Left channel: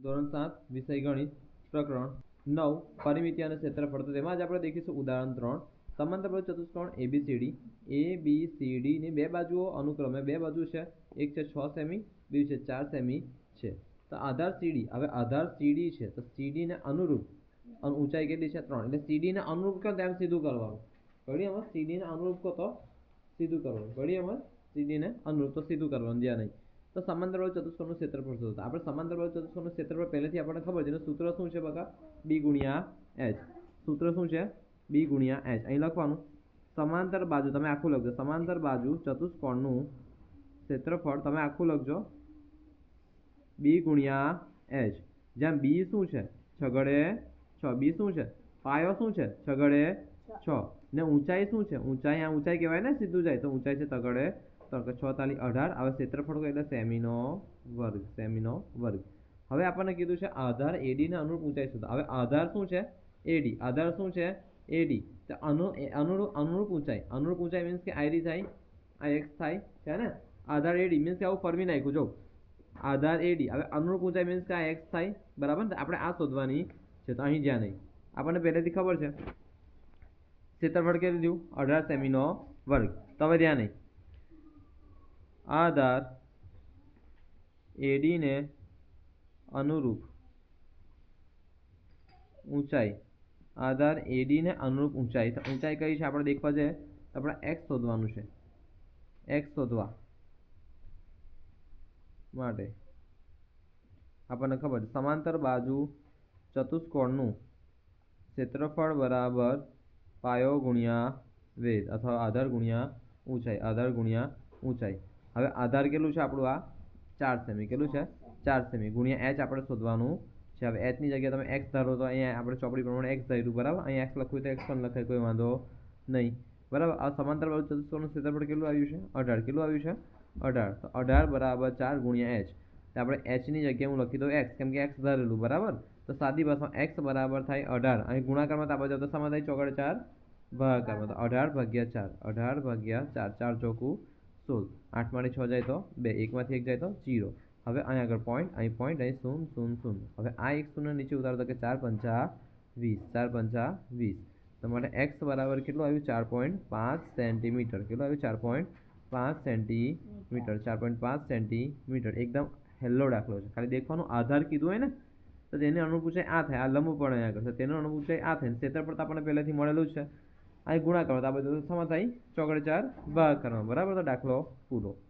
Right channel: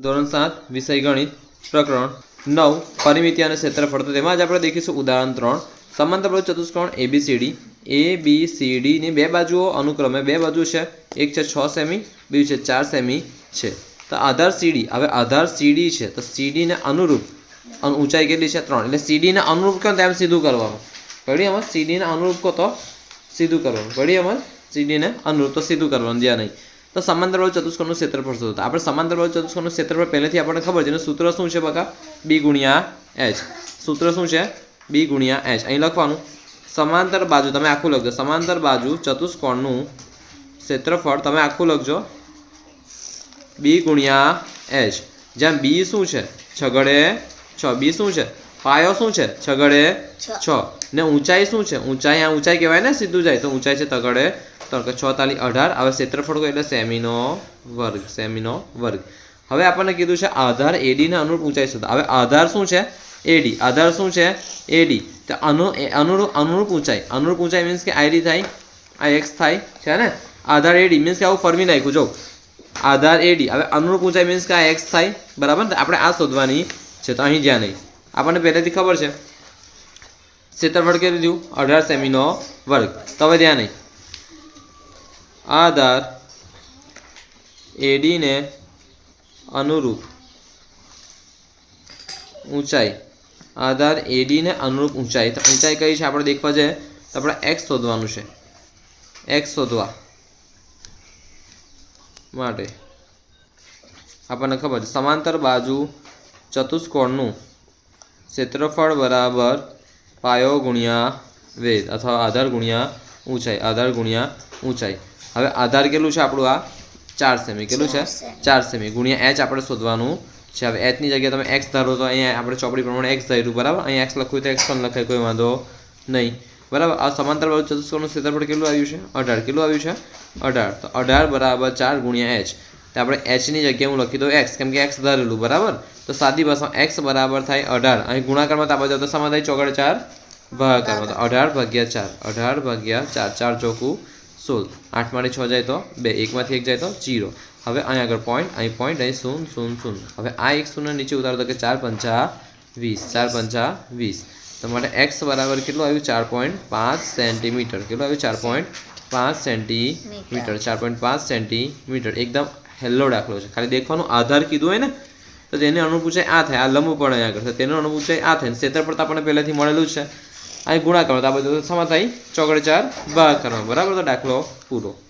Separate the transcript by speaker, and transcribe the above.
Speaker 1: ધોરણ સાત, વિષય ગણિત, પ્રકરણ નવ, પરિમિતિ અને ક્ષેત્રફળ. તો તેમાં જ આપણે દેખીશું ઉદાહરણ ત્રણ. સમાંતર બાજુ ચતુષ્કોણ A B C D A B C ડીની બે બાજુઓ અનુક્રમે બે બાજુ છે. એક છે છ સેમી, બીજું છે ચાર સેમી છે. તો આધાર સીડી હવે આધાર સીડી છે. તો સીડીને અનુરૂપ અન- ઊંચાઈ કેટલી છે? ત્રણ. એટલે સીડીને અનુરૂપ કહો તેમ સીધું કરવાનું. પડી અમાર સીડીને અનુરૂપ કહો તો સીધું કરવાનું. પડી અમાર સીડીને અનુરૂપ તો સીધું કરવાનું. જ્યાં નહીં તો સમાંતર બાજુ ચતુષ્કોણનું ક્ષેત્રફળ શોધો આપણે સમાંતર બાજુ ચતુષ્કોણનું ક્ષેત્રફળ પહેલેથી આપણને ખબર છે. એનું સૂત્ર શું છે બકા? બી ગુણ્યા એચ સૂત્ર શું છે? બી ગુણ્યા એચ અહીં લખવાનું. સમાંતર બાજુ, તમે આખું લખજો. સમાંતર બાજુ ચતુષ્કોણનું ક્ષેત્રફળ તમે આખું લખજો. બી ગુણ્યા એચ જ્યાં બી શું છે? છગડે છ. બી શું છે? પાયો શું છે? છગડે છ. ને ઊંચાઈ શું છે? ઊંચાઈ આ ઊંચાઈ કહેવાય ને સીધું જાય. તો ઊંચાઈ છે તગડે. તો કે છ તાલી અઢાર. હવે ક્ષેત્રફળ એટલે સેમીનો વર્ગ સેમીનો વર્ગ. હવે આપણને કીધું છે આધાર એડીને અનુરૂપ ઊંચાઈ શોધો. હવે આધાર શું છે? એડી આધાર શું છે? એડી તો અનુ અનુરૂપ અનુરૂપ ઊંચાઈ. અનુરૂપ ઊંચાઈ મીન્સ કે આઈડી થાય આ એક્સ થાય છે ને? આધાર એડી મીન્સ કે આવું ફરવી નાખ્યું જો આધાર એડી હવે અનુરૂપ ઊંચાઈ મીન્સ કે આ એક્સ થાય. બરાબર ને? આપણે આ શોધવાની છે. તો અહીં જ્યાં નહીં આપણને પહેલેથી ખબર છે. ક્ષેત્રફળ કેટલું થયું? અઢાર સેમીનો વર્ગ. તો હવે ધ્યાન નહીં આધાર એડીને અનુરૂપ ઊંચાઈ. આધાર એડીને અનુરૂપ ઊંચાઈ. તો ઊંચાઈ કઈ છે? આપણે દેખવા છે તો આપણે એક્સ શોધવાનું છે. એક્સ શોધવા માટે આપણને ખબર છે. સમાંતર બાજુ ચતુષ્કોણનું ક્ષેત્રફળ બરાબર પાયો ગુણ્યા વેદ અથવા આધાર ગુણ્યા ઊંચાઈ આધાર ગુણ્યા ઊંચાઈ. હવે આધાર કેટલું છે આપણું આ? ચાર સેમી. કેટલું છે? ચાર સેમી. ગુણ્યા એચ આપણે શોધવાનું છે. હવે એચની જગ્યાએ તમે એક્સ ધારો તો અહીંયા આપણે ચોપડી પ્રમાણે એક્સ ધાર્યું. બરાબર? અહીંયા એક્સ લખ્યું તો એક્સ પણ લખાય કોઈ વાંધો નહીં. બરાબર? આ સમાંતર બાજુ ચતુષ્કોણનું ક્ષેત્રફળ કેટલું આવ્યું છે? અઢાર. કેટલું આવ્યું છે? અઢાર. તો અઢાર બરાબર ચાર ગુણ્યા એચ. તો આપણે એચની જગ્યાએ હું લખી દઉં એક્સ કેમ કે એક્સ ધારેલું બરાબર? તો સાદી ભાષામાં એક્સ બરાબર થાય અઢાર. અહીં ગુણાકારમાં તો આપણે સમાન થાય ચોગડ ચાર ભાગાકારમાં તો અઢાર ભાગ્યા ચાર. અઢાર ભાગ્યા ચાર. ચાર ચોખ્ખું સોળ. આઠમાંથી છ જાય તો બે. એકમાંથી એક જાય તો જીરો. હવે અહીં આગળ પોઈન્ટ અહીં પોઈન્ટ અહીં શૂન શૂન શૂન હવે આ એક શૂન્ય નીચે ઉતારો તો કે ચાર પંચા વીસ. ચાર પંચા વીસ. તો માટે એક્સ બરાબર કેટલું આવ્યું? ચાર પોઈન્ટ પાંચ સેન્ટીમીટર કેટલું આવ્યું? ચાર પોઈન્ટ પાંચ સેન્ટીમીટર ચાર પોઈન્ટ પાંચ સેન્ટીમીટર એકદમ હેલ્લો દાખલો છે. ખાલી દેખવાનું આધાર કીધું હોય ને, તો તેની અનુરૂપ ઊંચાઈ આ થાય. આ લંબ પણ અહીંયા તો તેનું અનુરૂપ ઊંચાઈ આ થાય. ક્ષેત્રફળ તો આપણને પહેલેથી મળેલું છે. અહીં ગુણાકાર તો આ બધું સમા થાય ચોકડે ચાર ભાગ કરવાનો. બરાબર તો દાખલો પૂરો.